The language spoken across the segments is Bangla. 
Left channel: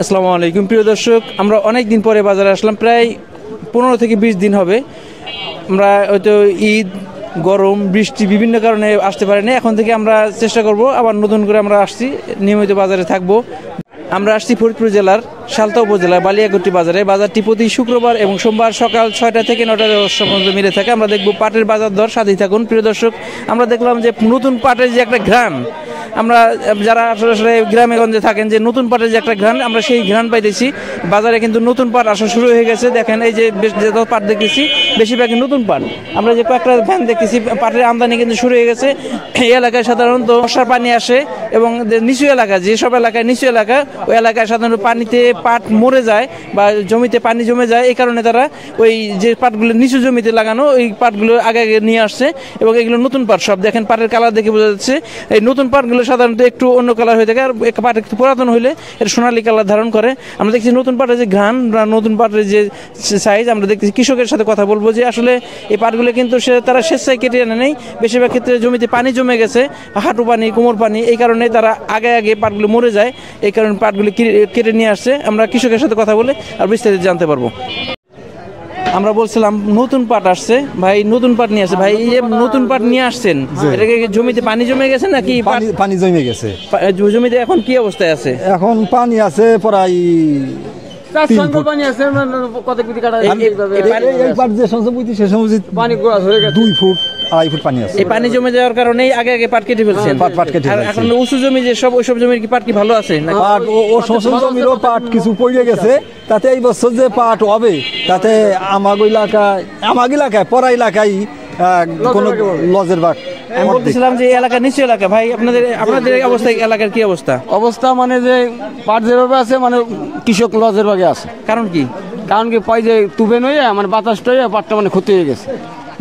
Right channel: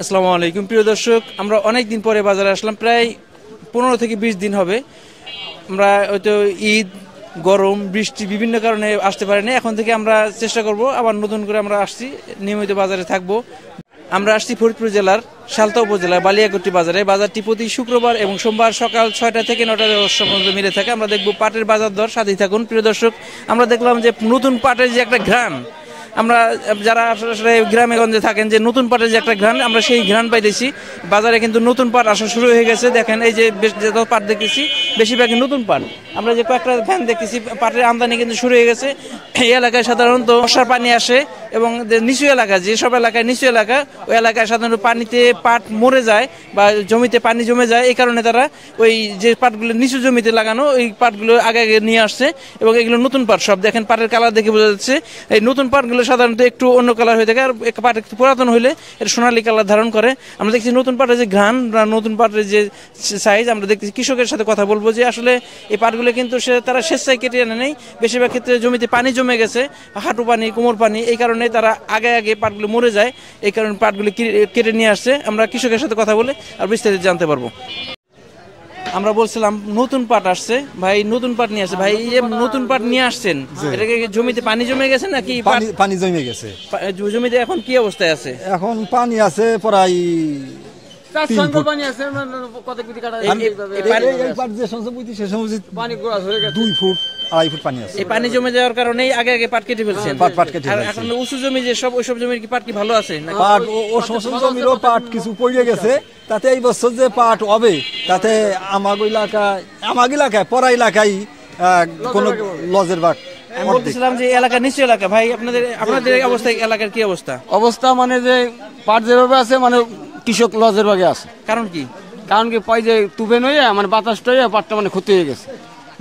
আসসালামু আলাইকুম প্রিয় দর্শক, আমরা অনেক দিন পরে বাজারে আসলাম, প্রায় 15 থেকে 20 দিন হবে। আমরা হয়তো ঈদ, গরম, বৃষ্টি বিভিন্ন কারণে আসতে পারিনি। এখন থেকে আমরা চেষ্টা করব আবার নতুন করে আমরা আসছি, নিয়মিত বাজারে থাকবো। আমরা আসছি ফরিদপুর জেলার সালতা উপজেলার বালিয়াকোট্টি বাজারে। বাজারটি প্রতি শুক্রবার এবং সোমবার সকাল 6টা থেকে 9টা পর্যন্ত মিলে থাকে। আমরা দেখব পাটের বাজার দর, সাথেই থাকুন প্রিয় দর্শক। আমরা দেখলাম যে নতুন পাটের যে একটা ঘ্রাণ, আমরা যারা আসলে গ্রামে গঞ্জে থাকেন, যে নতুন পাটের যে একটা ঘ্রাণ, আমরা সেই ঘ্রাণ পাইতেছি। বাজারে কিন্তু নতুন পাট আসা শুরু হয়ে গেছে। দেখেন এই যে পাট দেখতেছি, বেশিরভাগই নতুন পাট। আমরা যে কয়েকটা ভ্যান দেখতেছি, পাটের আমদানি কিন্তু শুরু হয়ে গেছে। এই এলাকায় সাধারণত বর্ষার পানি আসে এবং নিচু এলাকা, যেসব এলাকায় নিচু এলাকা, ওই এলাকায় সাধারণত পানিতে পাট মরে যায় বা জমিতে পানি জমে যায়। এই কারণে তারা ওই যে পাটগুলো নিচু জমিতে লাগানো, ওই পাটগুলো আগে আগে নিয়ে আসছে এবং এগুলো নতুন পাট। সব দেখেন পাটের কালার দেখে বোঝা যাচ্ছে। এই নতুন পাটগুলো সাধারণত একটু অন্য কালার হয়ে থাকে, আর পাট একটু পুরাতন হইলে এটা সোনালী কালার ধারণ করে। আমরা দেখছি নতুন পাটের যে ঘ্রাণ, নতুন পাটের যে সাইজ, আমরা দেখতেছি। কৃষকের সাথে কথা বলবো যে আসলে এই পাটগুলো কিন্তু তারা স্বেচ্ছায় কেটে আনে নেই। বেশিরভাগ ক্ষেত্রে জমিতে পানি জমে গেছে, হাঁটু পানি, কোমর পানি, এই কারণে তারা আগে আগে পাটগুলো মরে যায়। এই কারণে পাটগুলো কেটে নিয়ে আসছে। আমরা কৃষকের সাথে কথা বলে আর বিস্তারিত জানতে পারবো। আমরা বলছিলাম নতুন পাট আসছে, ভাই নতুন পাট নিয়ে আসছে। ভাই এই যে নতুন পাট নিয়ে আসছেন, এটাকে জমিতে পানি জমে গেছে নাকি? পানি জমে গেছে। জমিতে এখন কি অবস্থায় আছে? এখন পানি আছে প্রায় 3 ফুট। পানি 2 ফুট 2.5 ফুট পানি আছে। এই পানি জমে যাওয়ার কারণে আগে আগে পাট কেটে ফেলছেন। পাট কেটে ফেলছেন। এখন উঁচু জমি যে সব, ওইসব জমির কি পাট কি ভালো আছে? পাট ও শোষণ জমিরও পাট কিছু পড়ে গেছে। তাতে এই বছর যে পাট হবে, তাতে আমার এলাকায় পড়া এলাকায় কোনো লজের বাট। আমি বলতেছিলাম যে এলাকা নিচু এলাকা, ভাই আপনাদের অবস্থা, এলাকার কি অবস্থা? মানে যে পাট যেভাবে আছে, মানে কৃষক লজের ভাগে আছে। কারণ কি পাই যে তুবে নয়, মানে বাতাসটা পাটটা মানে ক্ষতি হয়ে গেছে।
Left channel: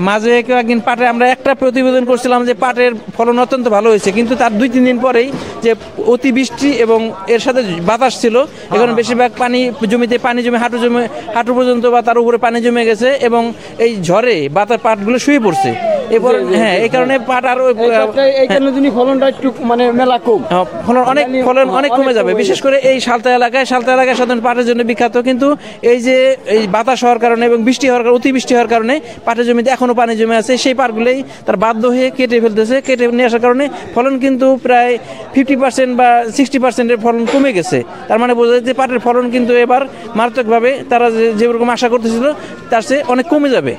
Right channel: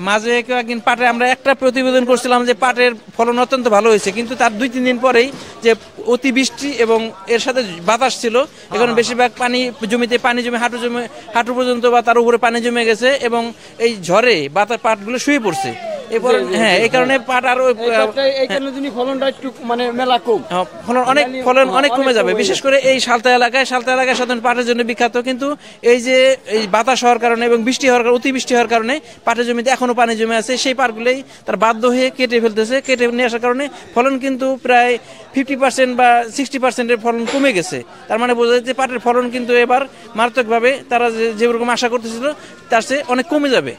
মাঝে একদিন পাটে আমরা একটা প্রতিবেদন করছিলাম যে পাটের ফলন অত্যন্ত ভালো হয়েছে, কিন্তু তার 2-3 দিন পরেই যে অতিবৃষ্টি এবং এর সাথে বাতাস ছিল, এখন বেশিরভাগ পানি জমিতে পানি জমে হাঁটু পর্যন্ত বা তার উপরে পানি জমে গেছে এবং এই ঝড়ে বাতাস পাটগুলো শুয়ে পড়ছে। এরপর এই কারণে পাট আর ফলনটা একটু মানে মেলা কম, ফলন অনেক কমে যাবে। বিশেষ করে এই সালতা এলাকায় সাধারণ পাটের জন্য বিখ্যাত, কিন্তু এই যে এই বাতাস হওয়ার কারণে এবং অতিবৃষ্টি হওয়ার কারণে পাটের জমিতে এখনো পানি জমে আছে। সেই পাটগুলোই তার বাধ্য হয়ে কেটে ফেলতেছে। কেটে নিয়ে আসার কারণে ফলন কিন্তু প্রায় 50% বা 60% ফলন কমে গেছে। তার মানে বোঝা যাচ্ছে পাটের ফলন কিন্তু এবার মারাত্মকভাবে তারা যেরকম আশা করতেছিল তার চেয়ে অনেক কমে যাবে।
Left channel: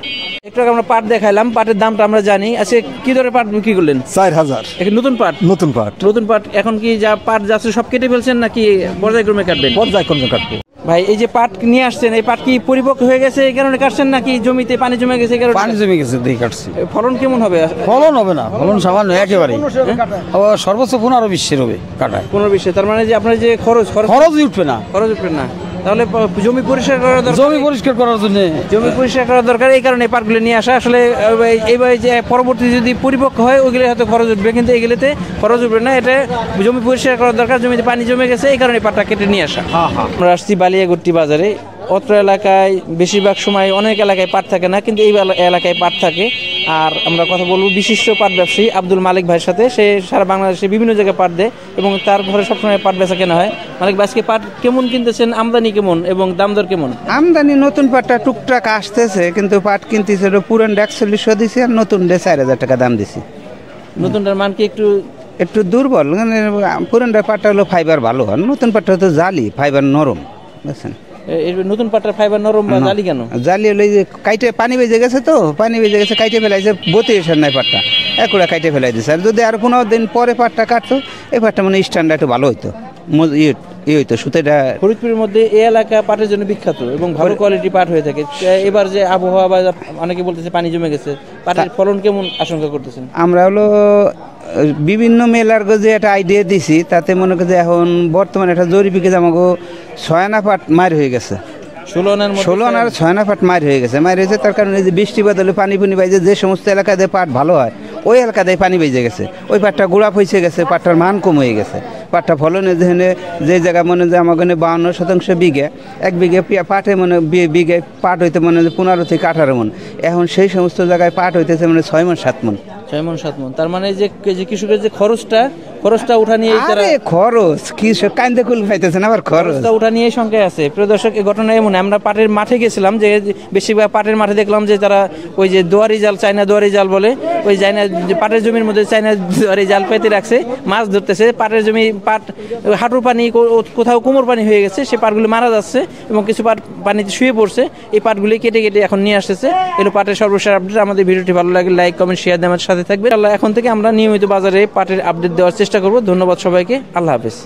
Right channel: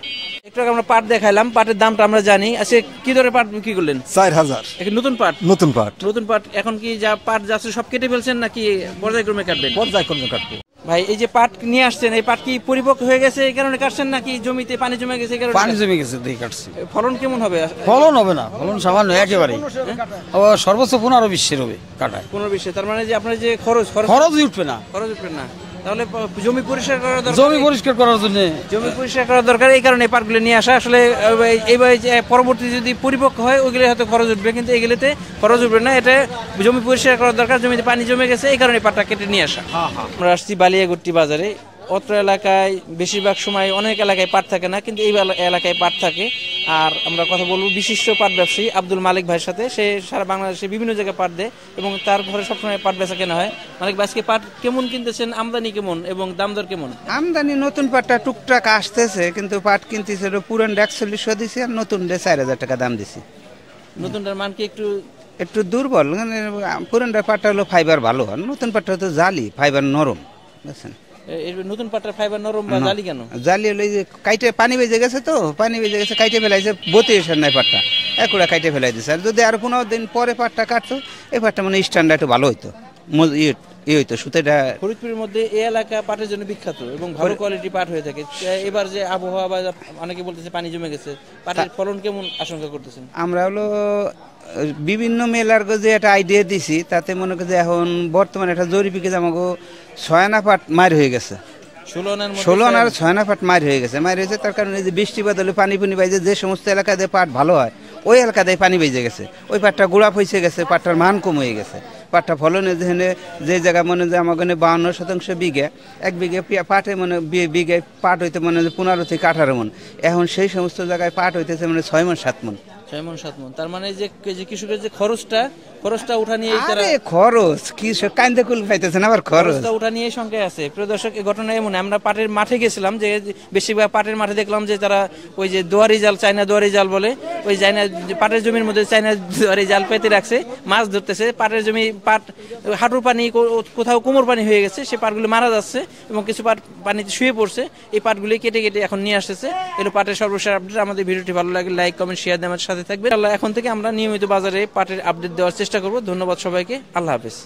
একটু আগে আমরা পাট দেখাইলাম, পাটের দামটা আমরা জানি। আচ্ছা, কি ধরনের পাট বিক্রি করলেন? 4000। নতুন পাট এখন কি যা পাট যাচ্ছে সব কেটে ফেলছেন নাকি পর্যায়ক্রমে কাটবেন? পর্যায়ক্রমে কাটবো। ভাই এই যে পাট নিয়ে আসছেন, এই পাট কি পরিপক্ক হয়ে গেছে এই কারণে কাটছেন নাকি জমিতে পানি জমে গেছে? পানি জমে গেছে দেখে কাটছি। ফলন কেমন হবে? ফলন হবে না, ফলন সামান্য একেবারে। সর্বোচ্চ 15-20 হবে কাটায়। 15-20। তার মানে যে আপনার যে খরচ উঠবে না। তাহলে জমি পরিষ্কার করার দরকার। জমি পরিষ্কার করার দরকার, এই কারণে পাটগুলো নিয়ে আসা। আসলে এইবার যে পরবর্তী যদি পরিপক্ক হয়, ওইগুলো হয়তো খরচ উঠবে, কিন্তু এগুলোতে খরচ উঠবে না। এটা জমি পরিষ্কার করার দরকার, জমিতে পানি জমে গেছে, এই কারণে পাটটা কেটে নিয়ে আসা। আমরা আসছি বালিয়াকোট্টি বাজারে। অত্র এলাকায় বেশিরভাগ সময় অনেক এলাকায় পাট থাকে না, কিন্তু এই এলাকায় পাট থাকে। আর আমরা কথা বলবো বিশিষ্ট পাট ব্যবসায়ী আব্দুল মালিক ভাইয়ের সাথে। সে সারা বাংলাদেশে বিভিন্ন জায়গায় পাট দেয় এবং তার ঘরে সবসময় পাট বেচা কেনা হয়। মালিক ভাই, আজকে পাট কেমন কিনতেছেন? আমদানি কেমন এবং দাম দর কেমন? আমদানি নতুন পাটটা টুকটাক আসতেছে, কিন্তু পাট কিনতেছে পুরান 4100 দিছি আর নতুন 4000 টাকা দাম দিছি। নতুনটার মান কি একটু দুর্বল। পুরানটার পাটটা হলো ফাইবার ভালো, আর নতুন পাটটা হতো জালি, ফাইবার নরম। বুঝছেন? নতুন পাটের ফাইবার নরম বা জালি কেন? জালি হলে যে কাইটে পানি বেজে গেছে, কাইটে ফেলাইছে, বতে এসে নাই পাটটা একুড়া কাইটে ফেলাই দিয়েছে। আর যদি আর 15 দিন পরে পাটটা কাটতো, এই পাটটা মানে স্ট্যান্ডার্ড একটু ভালো হইতো, হইতো সুতোটা। ফরিদপুরের মধ্যে এই এলাকা পাটের জন্য বিখ্যাত এবং ভালো কোয়ালিটি পাট হয়ে থাকে। এবার যে আবহাওয়া বা অনেকে বলতেছে পানি জমে গেছে, পাটের ফলন কেমন আশঙ্কা করতেছেন? আমরা হলো বিভিন্ন মেলার যে একটা আইডিয়া দিছি, তাতে মনে করি এখন বর্তমানে একটা জরিপিকে আমাকে 6 আনা পাট মার হয়ে গেছে। 16 আনার 6 আনা পাট মার হয়েছে। তার কারণে যে বৃষ্টি বাদলে পানি বাইজে যে সমস্ত এলাকায় পাট ভালো হয়, ওই এলাকাতে পানি বেজে গেছে, ওই পাটটা গোড়া পয়সে গেছে, পাটটার মান কম হয়ে গেছে। পাটটা ফলনে যে জায়গায় মনে যে আমার 52% বিঘে, 1 বিঘে পাটে মানে বিঘে পাট হইতে মনে 15 থেকে 18 মন। এখন সেই সমস্ত জায়গায় পাট হইতেছে মানে 6 মন 7 মন। 6 মন 7 মন। তার মানে যে কৃষকের যে খরচটা খরচটা উঠা নিয়ে আরে খরচ কি সব কান্দে কুল পাইতেছেন আবার খরচ খরচটা উঠা নিয়ে সংখ্যায় আছে। প্রিয় দর্শক, এই ঘটনা এমন, আমরা পাটের মাঠে গেছিলাম, যে বেশিরভাগ পাটের মাঠে দেখলাম যে তারা ওই যে দুয়ারি জাল, চাইনা দুয়ারি জাল বলে, ওই চাইনা পাটের জমির মধ্যে চাইনা দুয়ারি জাল পেতে রাখছে, মাছ ধরতেছে। পাটের জমি পাট হাঁটুর পানি, কোথাও কোমর পানি হয়ে গেছে, সে পাটগুলি মারা যাচ্ছে এবং কিছু পাট পানিতে শুয়ে পড়ছে। এই পাটগুলি কেটে কেটে এখন নিয়ে আসতেছে। এগুলো পাটের সর্বশেষ আপডেট। আমাদের ভিডিওটি ভালো লাগে লাইক, কমেন্ট, শেয়ার দিয়ে আমার সাথে থাকবে। এখন থেকে আমরা নিয়মিত বাজারে পাটের আপডেট দেওয়ার চেষ্টা করব। ধন্যবাদ সবাইকে, আল্লাহ হাফেজ।